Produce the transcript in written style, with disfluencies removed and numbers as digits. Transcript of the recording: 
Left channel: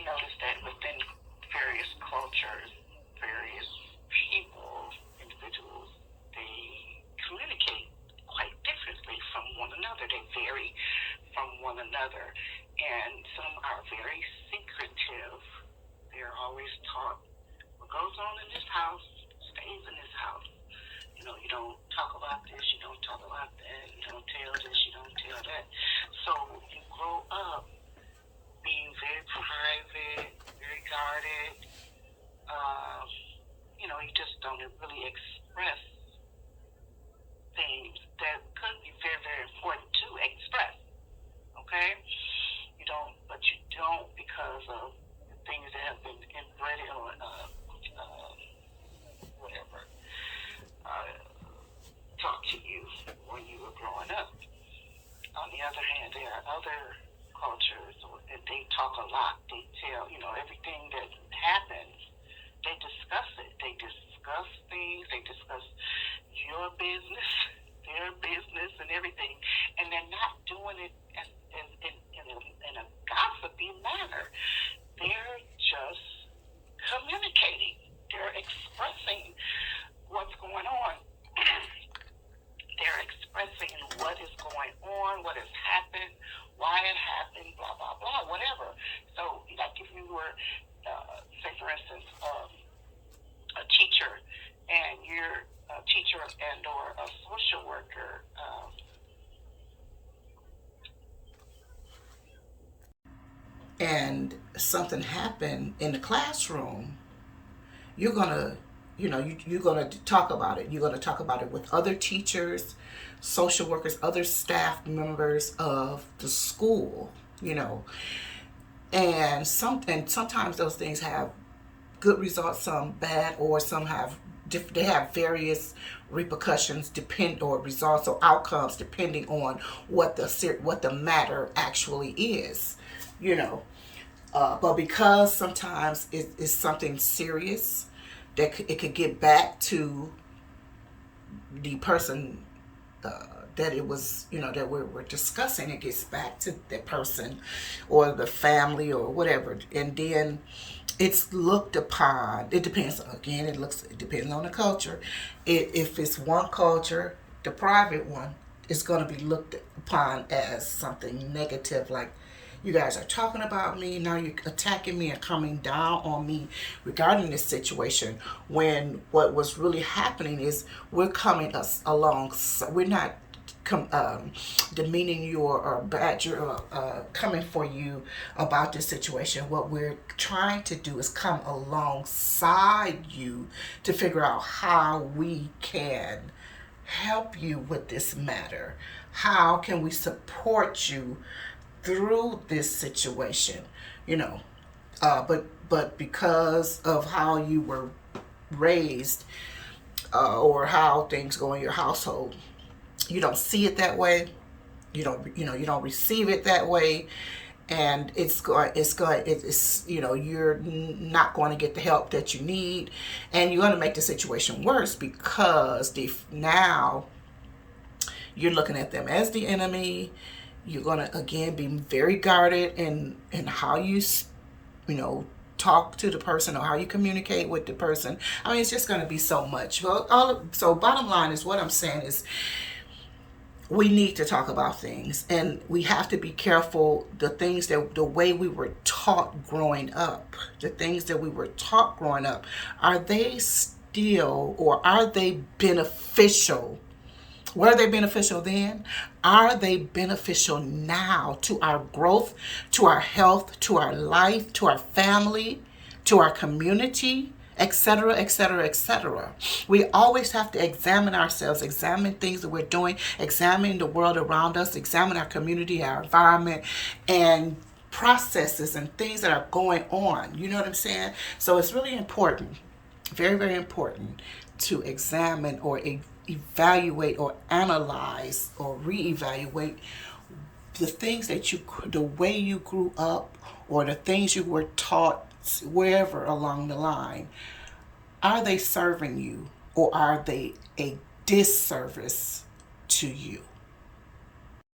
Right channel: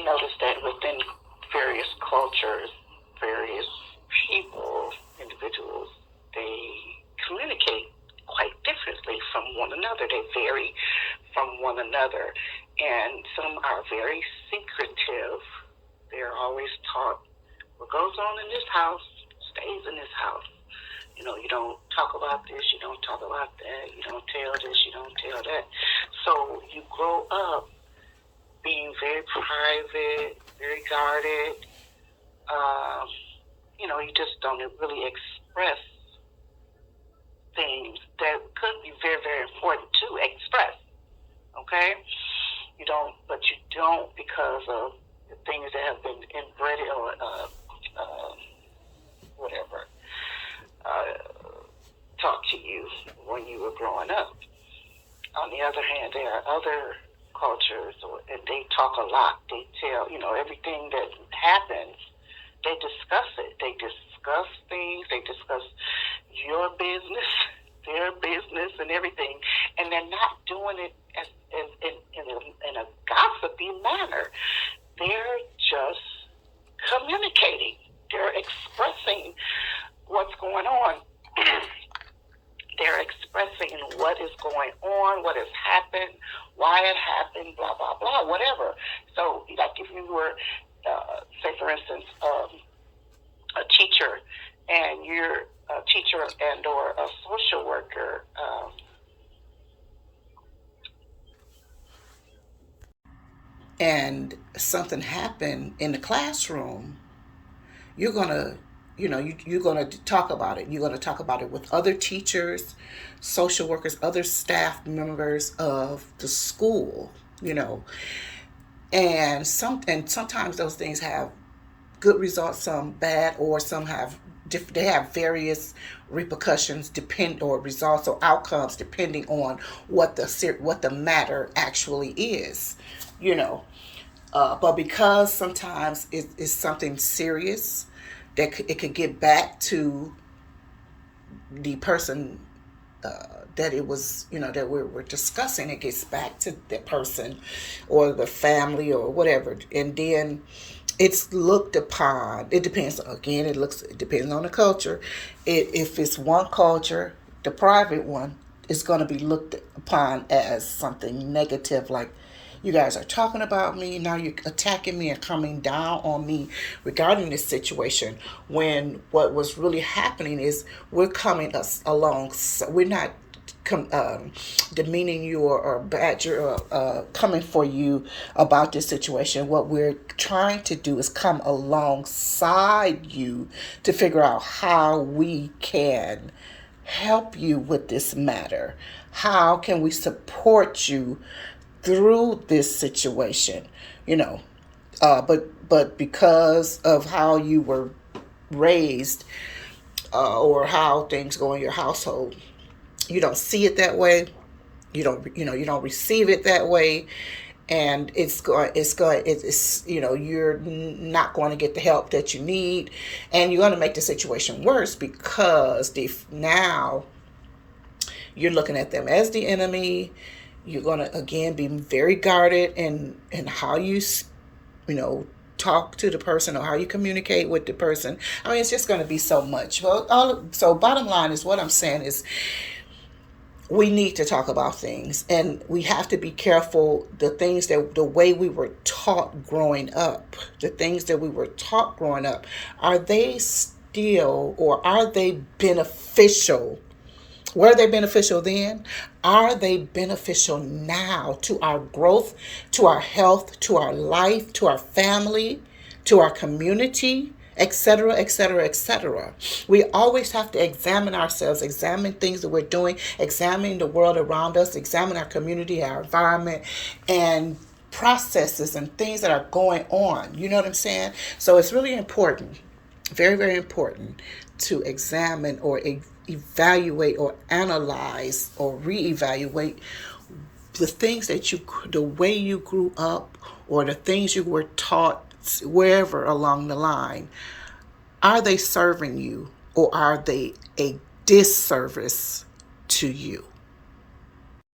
may notice that within various cultures, various people, individuals, they communicate quite differently from one another. They vary from one another. And some are very secretive. They're always taught what goes on in this house stays in this house. You know, you don't talk about this, you don't talk about that, you don't tell this, you don't tell that. So you grow up being very private, very guarded. You know, you just don't really express things that could be very, very important to express. Okay? You don't, but you don't because of the things that have been inbred or whatever taught to you when you were growing up. On the other hand, there are other cultures, and they talk a lot. They tell, you know, everything that happens, they discuss it. They discuss things. They discuss your business, their business, and everything. And they're not doing it in a gossipy manner. They're just communicating. They're expressing what's going on. They're expressing what is going on, what has happened, why it happened, blah, blah, blah, whatever. So, like if you were, say, for instance, a teacher, and you're a teacher and or a social worker, and something happened in the classroom, you're gonna, you're gonna talk about it. You're gonna talk about it with other teachers, social workers, other staff members of the school. You know, and sometimes those things have good results, some bad, or some have they have various repercussions depend or results or outcomes depending on what the matter actually is. You know, but because sometimes it is something serious that it could get back to the person that it was, that we're discussing. It gets back to the person or the family or whatever, and then it's looked upon. It depends. Again, it depends on the culture. If it's one culture, the private one, is going to be looked upon as something negative, like you guys are talking about me now, you're attacking me and coming down on me regarding this situation, when what was really happening is we're coming us along. We're not demeaning you or badger or coming for you about this situation. What we're trying to do is come alongside you to figure out how we can help you with this matter. How can we support you through this situation? You know, but because of how you were raised, or how things go in your household, you don't see it that way. You don't receive it that way, and you're not going to get the help that you need, and you're going to make the situation worse because now you're looking at them as the enemy. You're going to again be very guarded in how you know talk to the person or how you communicate with the person. I mean, it's just going to be so much. Well, so bottom line is, what I'm saying is, we need to talk about things, and we have to be careful. The way we were taught growing up, are they still, or are they beneficial? Were they beneficial then? Are they beneficial now to our growth, to our health, to our life, to our family, to our community, etc., etc., etc.? We always have to examine ourselves, examine things that we're doing, examine the world around us, examine our community, our environment, and processes and things that are going on. You know what I'm saying? So it's really important, very, very important, to examine or evaluate or analyze or reevaluate the way you grew up, or the things you were taught wherever along the line. Are they serving you, or are they a disservice to you?